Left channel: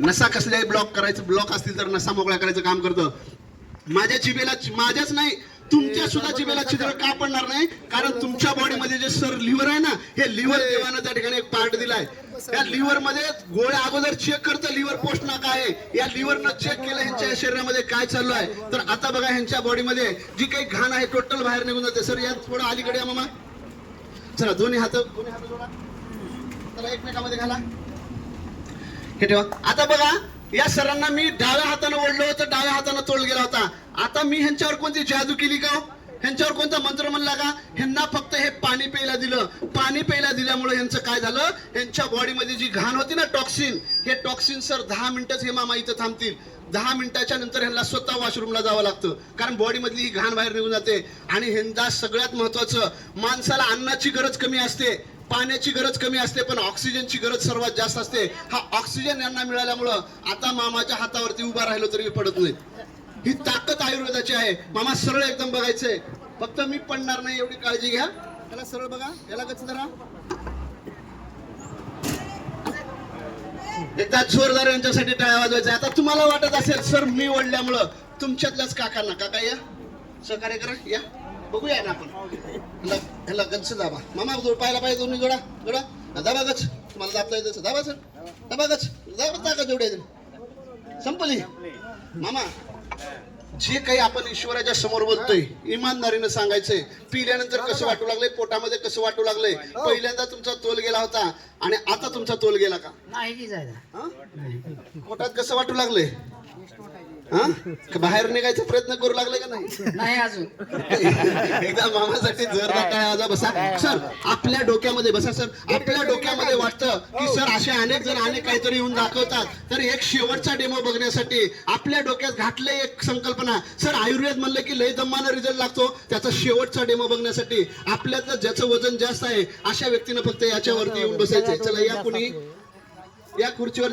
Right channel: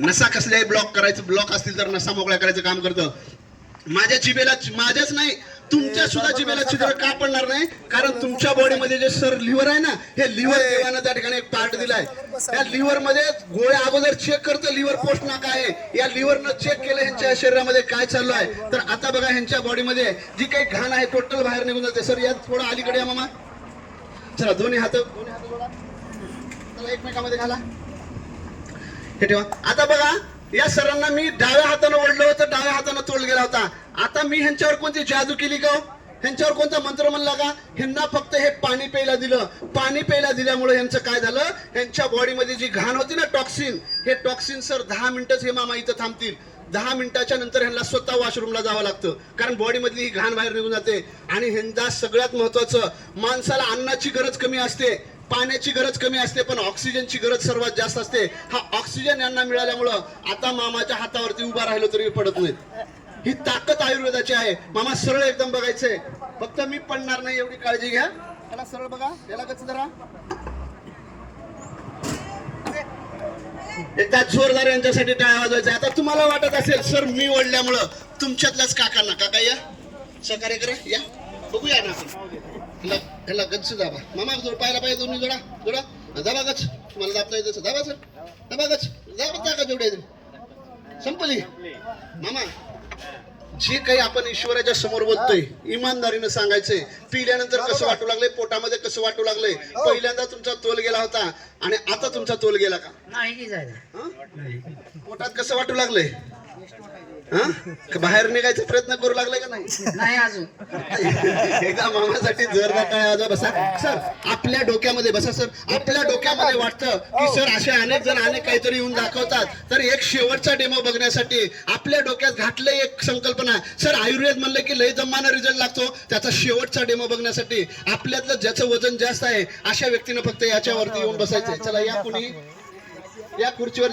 नसा कसल्याही ब्लॉक करायचं, ब्लॉक असतील तर नसा मोकळा करायचं काम करतं. माझ्या जिभेला, माझ्याच नाही तुमच्या सुद्धा जिभेला छिद्र का पडणार नाही? कारण तुमच्या बॉडीमध्ये जे सर लिव्हर आहे ना, हे लिव्हर देवानं त्या ठिकाणी एक पार्ट दिलाय. या लिव्हर मध्ये गोळ्या अगोदर चेक करतं लिव्हर पोस्ट नाका आहे. या लिव्हरनं चेक केलं ह्यांच्या शरीरामध्ये काय चालू आहे. तर आता बघा ह्यांच्या बॉडीमध्ये जी काही घाण आहे टोटल बाहेर निघून जाते. सर या थोडं अलीकडे या मामा. चला दोन्ही हात जोडा, चला एकमेकांमध्ये घाला, हे ठेवा. आता बघा या सरांना मी डाव्या हाताने ओढलं होतं, डाव्या हाताने तोल गेला होता. आता मी ह्यांच्यावर कोणती जादू केली का? ह्यांच्यावर कोणता मंत्र म्हणला का? ह्यांना फक्त हे पाणी प्यायला दिलं. पाणी प्यायला दिल्यामुळे ह्यांचं काय झालं, ह्यांच्या बॉडीमध्ये जी घाण होती ना टॉक्सिन, हे टॉक्सिन सर 10 मिनिटच हे मामा इथं थांबतील. 10 मिनिटाच्या नंतर ह्यांना स्वतः वॉशरूमला जावं लागतं, कारण बॉडीमधली ही घाण बाहेर निघून जाते. आणि ह्यांचा सगळ्यात महत्वाचं, माणसाला अन्नाची गरज कमी असते, पाण्याची गरज कमी असते, पण ऑक्सिजनची गरज सर्वात जास्त असते. हा ऑक्सिजन यांना मिळाल्यामुळं आता मामाच्या हातावरती उभा राहिलो तरी पडत नाहीत. ही ताकद आयुर्वेदाची आहे. मामा सरळ एकदम बघायचंय, फक्त मी पडणार नाही एवढी काळजी घ्या. याला सरळ बघा, याला गच्च धरा. एकदा जोरदार यांच्यासाठी टाळ्या वाजवायचा. आता तुम्हाला वाटत असेल सर मी ओढल्यामुळं तुमच्यातल्याच काकांना, काका या सहकार्य करा, या बघूया ना आपण. ह्याला गच्च दाबा मामा, पाहायला पाहिजे दोन्ही जोडा जोडा, दाबा गच्च. तुम्हाला दाबता येतं दाबा सर, दाबा गच्च, दाबा का जेवढे संपली. मामा जे काही आपण ईश्वराच्या समोर बोलतोय इमानदारीनं सांगायचंय. पिल्यानंतर कसं वाटू लागलंय, पोटामध्ये कसं वाटू लागलंय? पहिल्यांदा तुमचा तोल गेला होता आणि आता तुमचा तोल गेला का? नाही जायला. पोटात कसं वाटू लागलंय? बाहेर निघायचा प्रयत्न करू लागलाय का नाही? नाही अजून. एकदा मामासाठी जोरदार टाळ्या वाजवा. बसा सर, आपल्या डोक्यामध्ये बसा सर. आपल्या डोक्यामध्ये वाटतं की सर असे अनेक जण अनेक काहीतरी येऊन दाखवतात, तर एक शेवटचा डेमो बघण्यासाठी आपल्या डोक्यात घातलं एक संकल्पना. सर आयुर्वेद म्हणलं की लय दमानं रिझल्ट लागतो, त्याचा शेवटचा डेमो बघण्यासाठी आपल्यातलं ज्याचं वजन जास्त आहे अशा व्यक्तीनं फक्त याच्यावरती येऊन बसायचंय. चला या, कुणी या खुर्चीवर